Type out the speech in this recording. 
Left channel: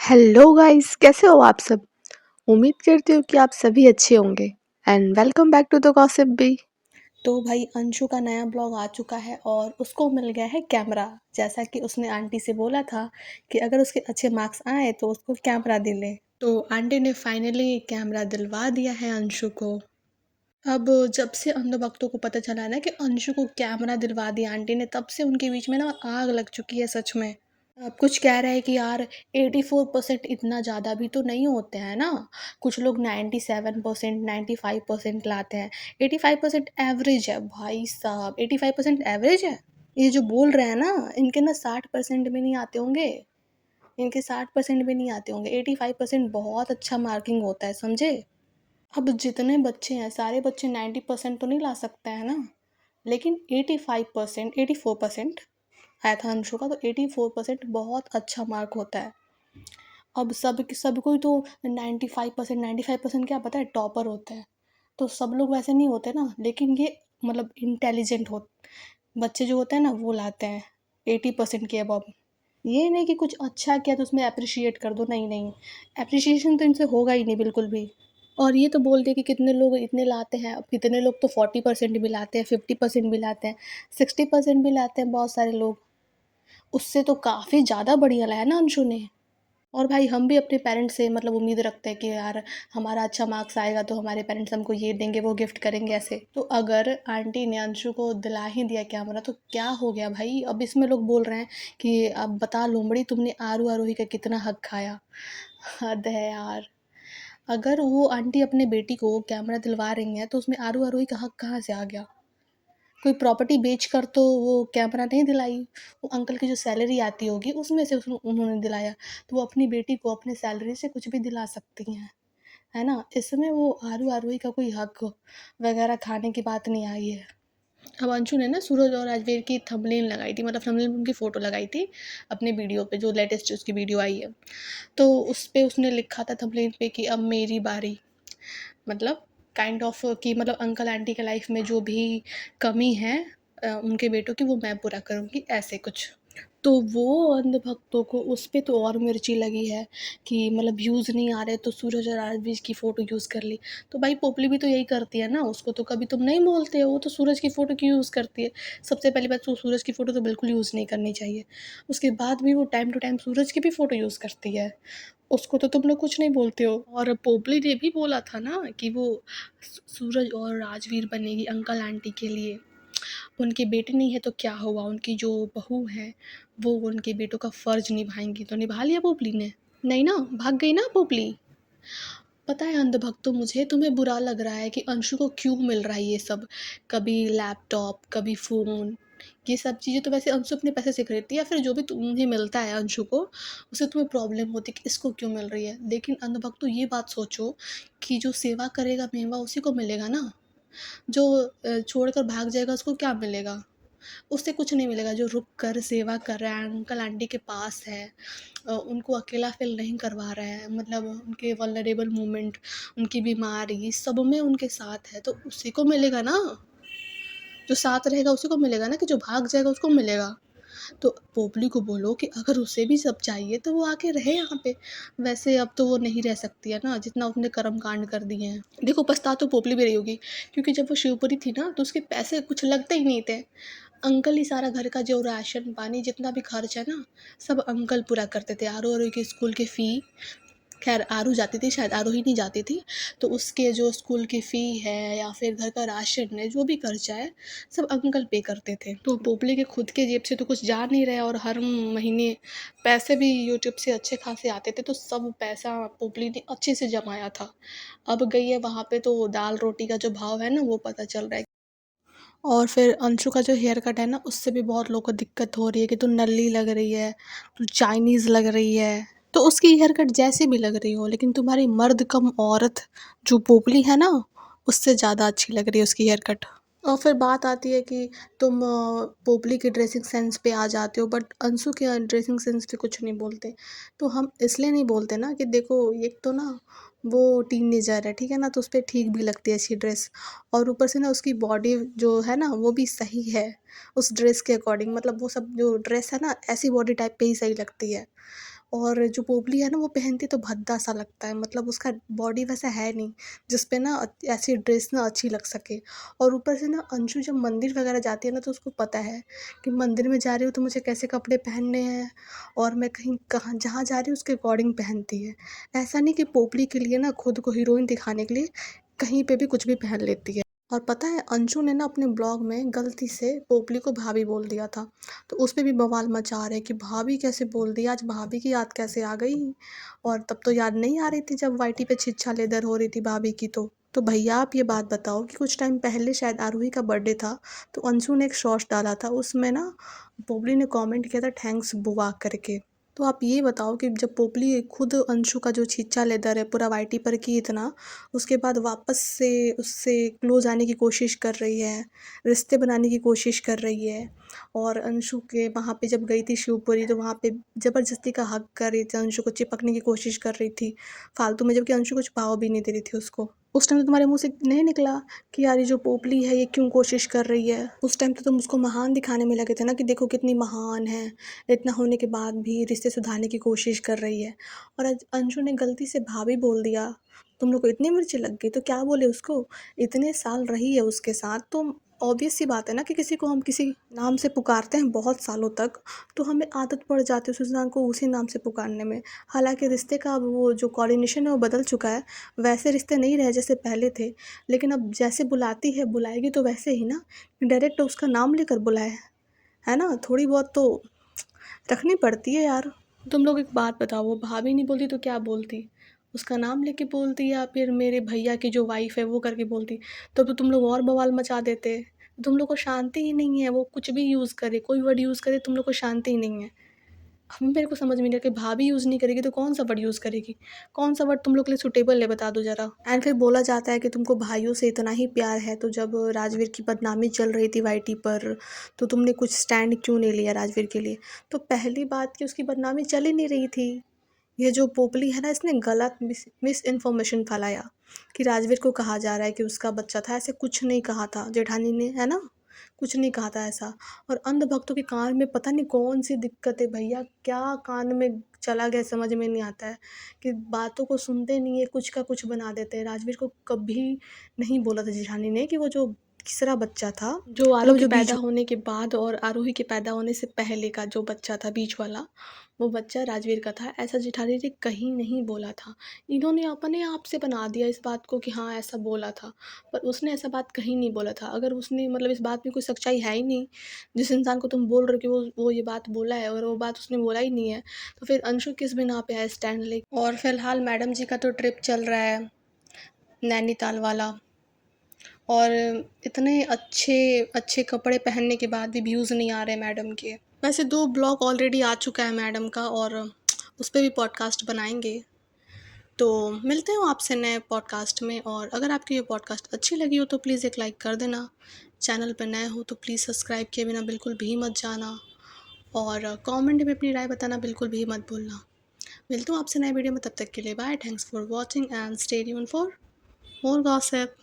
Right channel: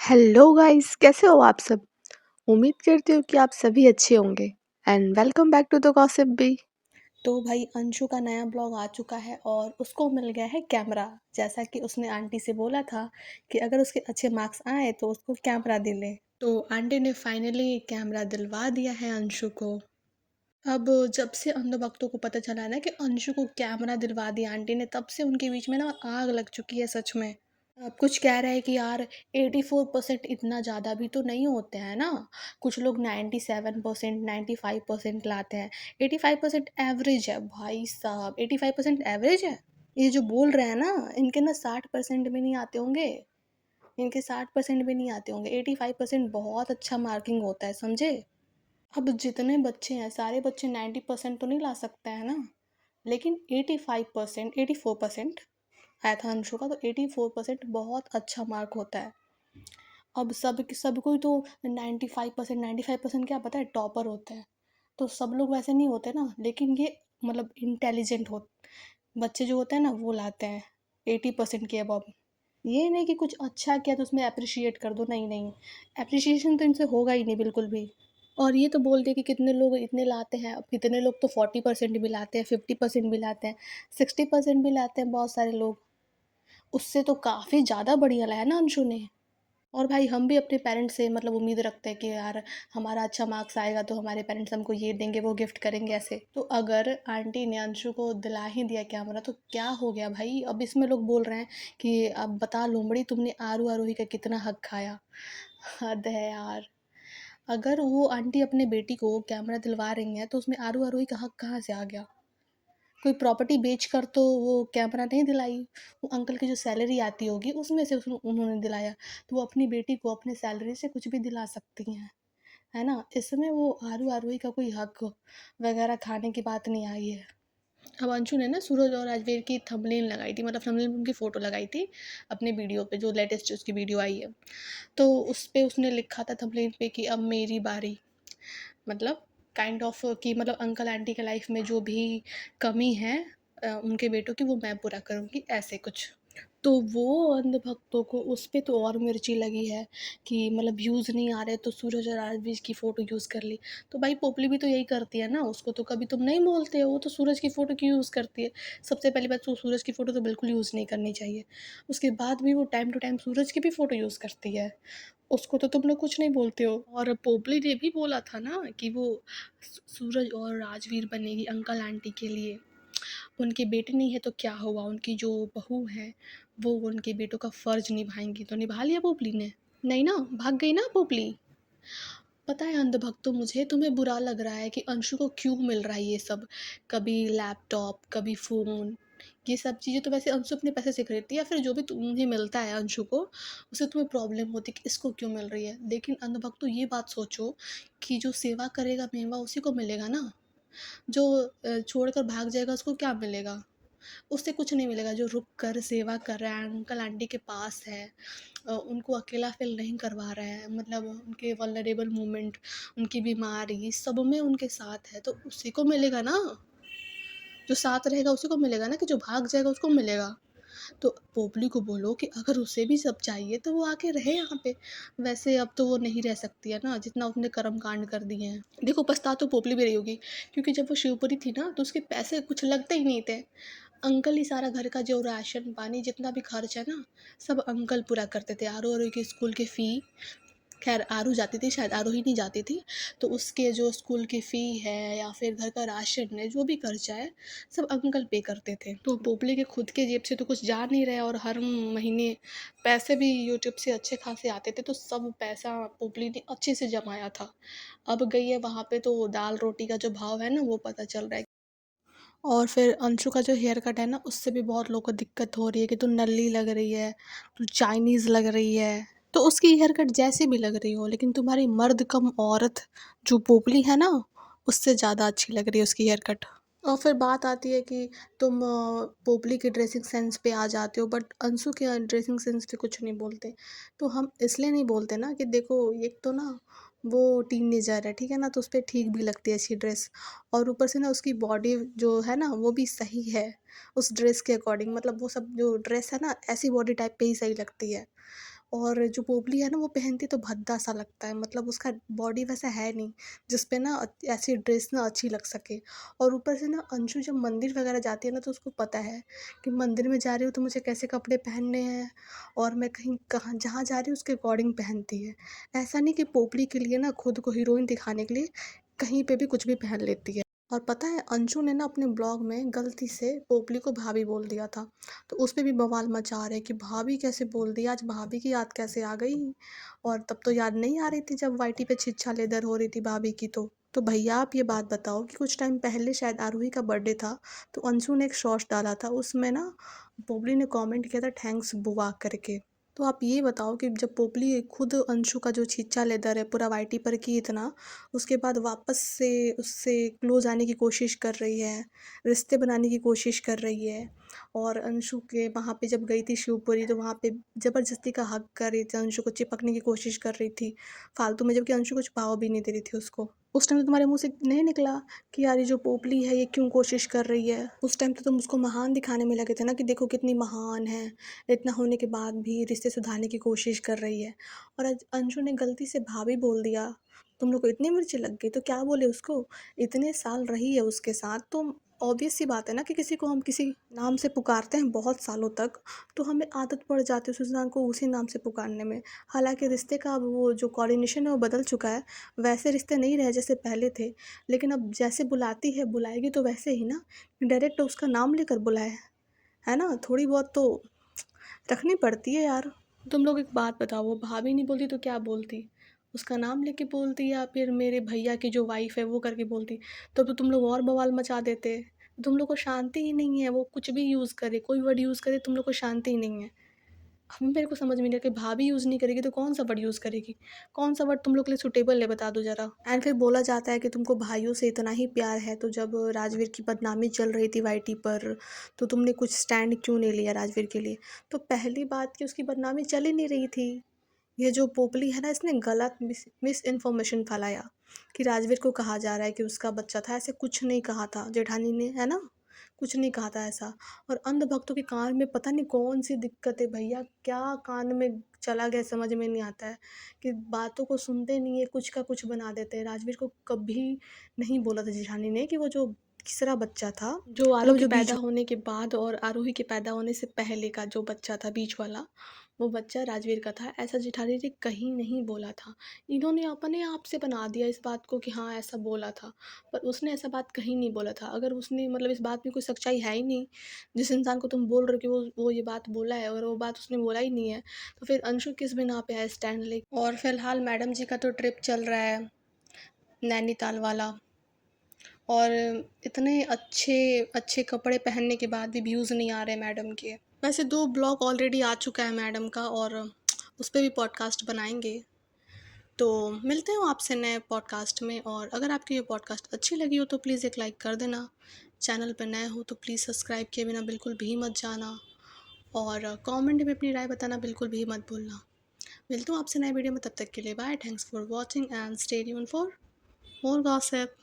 Hello guys, कैसे हो आप सब। उम्मीद करती हूँ कि आप सभी अच्छे होंगे and welcome back to the gossip bee. तो भाई अंशु का नया ब्लॉग आ चुका है और उसको मिल गया है कैमरा। जैसा कि उसने आंटी से बोला था कि अगर उसके अच्छे मार्क्स आए तो उसको कैमरा दिले, तो आंटी ने फाइनली कैमरा दिलवा दिया है अंशु को। अब जब से अंध भक्तों को पता चला है ना कि अंशु को कैमरा दिलवा दिया आंटी ने, तब से उनके बीच में ना आग लग चुकी है सच में। अब कुछ कह रहे हैं कि यार 84% इतना ज़्यादा भी तो नहीं होते हैं ना। कुछ लोग 97% 95% लाते हैं। 85% एवरेज है भाई साहब, 85% एवरेज है। ये जो बोल रहे हैं ना, इनके ना 60% भी नहीं आते होंगे। इनके 60% भी नहीं आते होंगे। 85% बहुत अच्छा मार्किंग होता है, समझे। अब जितने बच्चे हैं सारे बच्चे 90% तो नहीं ला सकते हैं ना, लेकिन 85% 84% आया था अंशु का, तो 84% बहुत अच्छा मार्क होता है। अब सब कोई तो 95% क्या पता है टॉपर होता है। तो सब लोग वैसे नहीं होते ना, लेकिन ये मतलब इंटेलिजेंट हो बच्चे जो होते हैं ना वो लाते हैं 80% के अबव। ये नहीं कि कुछ अच्छा किया तो उसमें अप्रिशिएट कर दो, नहीं नहीं, अप्रिशिएशन तो इनसे होगा ही नहीं बिल्कुल भी। और ये तो बोलते कि कितने लोग इतने लाते हैं, अब कितने लोग तो 40% भी लाते हैं, 50% भी लाते हैं, 60% भी लाते हैं बहुत सारे लोग। उससे तो काफ़ी ज़्यादा बढ़िया लाया ना अंशु ने। और भाई हम भी अपने पेरेंट्स से मतलब उम्मीद रखते हैं कि यार हमारा अच्छा मार्क्स आएगा तो हमारे पेरेंट्स हमको ये देंगे वो गिफ्ट करेंगे ऐसे। तो अगर आंटी ने अंशु को दिला ही दिया कैमरा तो क्या हो गया भाई। अब इसमें लोग बोल रहे हैं कि अब बता लोमड़ी तुमने आरू आरोही का कितना हक खाया। हद है यार। अगर वो आंटी अपने बेटी को कैमरा दिलवा रही हैं तो उसमें आरू आरोही का हक कहाँ से आ गया। कोई प्रॉपर्टी बेच कर तो वो कैमरा नहीं दिलाई। वो अंकल की जो सैलरी आती होगी उसमें से उन्होंने दिलाया। तो वो अपनी बेटी को अपने सैलरी से कुछ भी दिला सकती हैं, है ना। इसमें वो आरू आरोही का कोई हक वगैरह खाने की बात नहीं आई है। अब अंशु ने ना सूरज और राजवीर की थंबनेल लगाई थी, मतलब थंबनेल में उनकी फ़ोटो लगाई थी अपने वीडियो पे, जो लेटेस्ट उसकी वीडियो आई है। तो उस पे उसने लिखा था थंबनेल पे कि अब मेरी बारी, मतलब काइंड ऑफ कि मतलब अंकल आंटी के लाइफ में जो भी कमी है उनके बेटों की वो मैं पूरा करूँगी, ऐसे कुछ। तो वो अंधभक्तों को उस पे तो और मिर्ची लगी है कि मतलब व्यूज़ नहीं आ रहे तो सूरज और आरवीज की फ़ोटो यूज़ कर ली। तो भाई पोपली भी तो यही करती है ना, उसको तो कभी तुम नहीं बोलते हो, वो तो सूरज की फ़ोटो क्यों यूज़ करती है। सबसे पहली बात तो सूरज की फ़ोटो तो बिल्कुल यूज़ नहीं करनी चाहिए। उसके बाद भी वो टाइम टू टाइम सूरज की भी फ़ोटो यूज़ करती है, उसको तो तुम लोग कुछ नहीं बोलते हो। और पोपली ने भी बोला था ना कि वो सूरज और राजवीर बनेगी अंकल आंटी के लिए। उनकी बेटी नहीं है तो क्या हुआ, उनकी जो बहू है वो उनके बेटों का फ़र्ज निभाएंगी, तो निभा लिया पोपली ने। नहीं ना, भाग गई ना पोपली। पता है अंधभक्तों, मुझे तुम्हें बुरा लग रहा है कि अंशु को क्यों मिल रहा है ये सब। कभी लैपटॉप, कभी फ़ोन। ये सब चीज़ें तो वैसे अंशु अपने पैसे से खरीदती है, या फिर जो भी तुम्हें मिलता है अंशु को उससे तुम्हें प्रॉब्लम होती है कि इसको क्यों मिल रही है। लेकिन अंधभक्तों ये बात सोचो कि जो सेवा करेगा मेवा उसी को मिलेगा ना। जो छोड़कर भाग जाएगा उसको क्या मिलेगा। उससे कुछ नहीं मिलेगा। जो रुक कर सेवा कर रहा है, अंकल आंटी के पास है, उनको अकेला फ़ील नहीं करवा रहा है, मतलब उनके वल्नरेबल मोमेंट, उनकी बीमारी सब में उनके साथ है, तो उसी को मिलेगा ना। जो साथ रहेगा उसी को मिलेगा ना, कि जो भाग जाएगा उसको मिलेगा। तो पोपली को बोलो कि अगर उसे भी सब चाहिए तो वो आके रहे यहाँ पे। वैसे अब तो वो नहीं रह सकती है ना, जितना उसने कर्म कांड कर दिए हैं। देखो पछता तो पोपली भी रही होगी, क्योंकि जब वो शिवपुरी थी ना तो उसके पैसे कुछ लगते ही नहीं थे। अंकल ही सारा घर का जो राशन पानी जितना भी खर्च है ना, सब अंकल पूरा करते थे। आरू आरू की स्कूल की फ़ी, खैर आरू जाती थी शायद, आरू ही नहीं जाती थी। तो उसके जो स्कूल की फ़ी है या फिर घर का राशन है, जो भी खर्चा है सब अंकल पे करते थे। तो पोपली के खुद के जेब से तो कुछ जा नहीं रहा, और हर महीने पैसे भी यूट्यूब से अच्छे खासे आते थे, तो सब पैसा पोपली ने अच्छे से जमाया था। अब गई है वहाँ पे तो दाल रोटी का जो भाव है ना वो पता चल रहा है। और फिर अंशु का जो हेयर कट है ना, उससे भी बहुत लोगों को दिक्कत हो रही है कि तू नल्ली लग रही है, तू चाइनीज़ लग रही है। तो उसकी हेयर कट जैसे भी लग रही हो, लेकिन तुम्हारी मर्द कम औरत जो पोपली है ना, उससे ज़्यादा अच्छी लग रही है उसकी हेयर कट। और फिर बात आती है कि तुम पोपली की ड्रेसिंग सेंस पे आ जाते हो, बट अंशु के ड्रेसिंग सेंस पे कुछ नहीं बोलते। तो हम इसलिए नहीं बोलते ना कि देखो एक तो ना वो टीनेजर है, ठीक है ना, तो उस पर ठीक भी लगती है अच्छी ड्रेस। और ऊपर से ना उसकी बॉडी जो है ना वो भी सही है उस ड्रेस के अकॉर्डिंग, मतलब वो सब जो ड्रेस है ना ऐसी बॉडी टाइप पे ही सही लगती है। और जो पोपली है ना वो पहनती तो भद्दा सा लगता है, मतलब उसका बॉडी वैसा है नहीं जिस पे ना ऐसी ड्रेस ना अच्छी लग सके। और ऊपर से ना अंशु जब मंदिर वगैरह जाती है ना तो उसको पता है कि मंदिर में जा रही हूँ तो मुझे कैसे कपड़े पहनने हैं, और मैं कहीं कहाँ जहाँ जा रही हूँ उसके अकॉर्डिंग पहनती है। ऐसा नहीं कि पोपली के लिए ना खुद को हीरोइन दिखाने के लिए कहीं पे भी कुछ भी पहन लेती है। और पता है अंशु ने ना अपने ब्लॉग में गलती से पोपली को भाभी बोल दिया था, तो उस पे भी बवाल मचा रहे हैं कि भाभी कैसे बोल दी, आज भाभी की याद कैसे आ गई। और तब तो याद नहीं आ रही थी जब वाईटी पे छिछा लेदर हो रही थी भाभी की। तो भैया आप ये बात बताओ कि कुछ टाइम पहले शायद आरूही का बर्थडे था, तो अंशु ने एक शॉर्ट्स डाला था, उसमें ना पोपली ने कमेंट किया था थैंक्स बुआ करके। तो आप ये बताओ कि जब पोपली खुद अंशु का जो छिछा लेदर है पूरा वाईटी पर की इतना, उसके बाद वापस से उससे क्लोज आने की कोशिश कर रही है, रिश्ते बनाने की कोशिश कर रही है। और अंशु के वहाँ पे जब गई थी शिवपुरी तो वहाँ पे ज़बरदस्ती का हक कर रही थी, अंशु को चिपकने की कोशिश कर रही थी फालतू में, जबकि अंशु कुछ भाव भी नहीं दे रही थी उसको। उस टाइम तो तुम्हारे मुंह से नहीं निकला कि यार ये जो पोपली है ये क्यों कोशिश कर रही है। उस टाइम तो तुम उसको महान दिखाने में लगे थे ना कि देखो कितनी महान है, इतना होने के बाद भी रिश्ते सुधारने की कोशिश कर रही है। और आज अंशु ने गलती से भाभी बोल दिया, तुम लोग को इतनी मिर्ची लग गई तो क्या बोले उसको। इतने साल रही है उसके साथ तो ऑब्वियस सी बात है ना कि किसी को हम किसी नाम से पुकारते हैं बहुत सालों तक, तो हमें आदत पड़ जाती है उस इंसान को उसी नाम से पुकारने में। हालांकि रिश्ते का अब वो जो कोऑर्डिनेशन है वो बदल चुका है, वैसे रिश्ते नहीं रहे जैसे पहले थे। लेकिन अब जैसे बुलाती है बुलाएगी तो वैसे ही ना, डायरेक्ट उसका नाम लेकर बुलाए, है ना, थोड़ी बहुत तो रखनी पड़ती है यार। तुम लोग एक बात बताओ, वो भाभी नहीं बोलती तो क्या बोलती, उसका नाम लेके बोलती या फिर मेरे भैया की जो वाइफ है वो करके बोलती, तो तुम लोग और बवाल मचा देते। तुम लोग को शांति ही नहीं है, वो कुछ भी यूज़ करे, कोई वर्ड यूज़ करे, तुम लोग को शांति ही नहीं है। हम मेरे को समझ में नहीं आता कि भाभी यूज़ नहीं करेगी तो कौन सा वर्ड यूज़ करेगी, कौन सा वर्ड तुम लोग के लिए सुटेबल है बता दो ज़रा। एंड फिर बोला जाता है कि तुमको भाइयों से इतना ही प्यार है, तो जब राजवीर की बदनामी चल रही थी वाईटी पर तो तुमने कुछ स्टैंड क्यों नहीं लिया राजवीर के लिए। तो पहली बात कि उसकी बदनामी चल ही नहीं रही थी, ये जो पोपली है ना इसने गलत मिस इन्फॉर्मेशन फैलाया कि राजवीर को कहा जा रहा है कि उसका बच्चा था, ऐसे कुछ नहीं कहा था जेठानी ने, है ना, कुछ नहीं कहा था ऐसा। और अंधभक्तों के कान में पता नहीं कौन सी दिक्कत है भैया, क्या कान में चला गया समझ में नहीं आता है कि बातों को सुनते नहीं है, कुछ का कुछ बना देते हैं। राजवीर को कभी नहीं बोला था जेठानी ने कि वो जो तीसरा बच्चा था जो आरू के पैदा होने के बाद और आरोही के पैदा होने से पहले का जो बच्चा था बीच वाला, वो बच्चा राजवीर का था, ऐसा जेठानी ने कहीं नहीं बोला था। इन्होंने अपने आप से बना दिया इस बात को कि हाँ ऐसा बोला था, पर उसने ऐसा बात कहीं नहीं बोला था। अगर उसने मतलब इस बात में कोई सच्चाई है ही नहीं, जिस इंसान को तुम बोल रहे हो कि वो ये बात बोला है और वो बात उसने बोला ही नहीं है, तो फिर अंशु किस बिना पे है स्टैंड ले। और फिलहाल मैडम जी का तो ट्रिप चल रहा है नैनीताल वाला, और इतने अच्छे अच्छे कपड़े पहनने के बाद भी व्यूज़ नहीं आ रहे मैडम के। वैसे 2 ब्लॉग ऑलरेडी आ चुका है मैडम का, और उस पे भी पॉडकास्ट बनाएंगे। तो मिलते हैं आपसे नए पॉडकास्ट में, और अगर आपकी ये पॉडकास्ट अच्छी लगी हो तो प्लीज़ एक लाइक कर देना। चैनल पर नए हो तो प्लीज़ सब्सक्राइब किए बिना बिल्कुल भी मत जाना, और कमेंट में अपनी राय बताना बिल्कुल भी मत भूलना। मिलता हूँ आपसे नए वीडियो में, तब तक के लिए bye, thanks for watching and stay tuned for more gossip.